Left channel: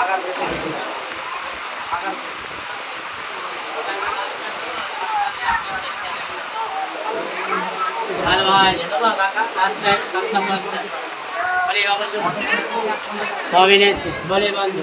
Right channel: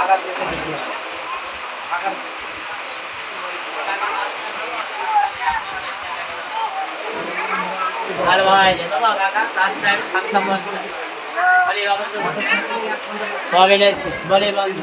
Agar দেশে গেছিলাম agar দেশে ভালো ভাই, যেত বা কাকা লাস্ট টাইম সাতটা পঞ্চাশ বলে অবশ্য সবই নেছি বলে বন্ধু।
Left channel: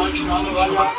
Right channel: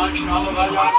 এক শূন্য নয় আট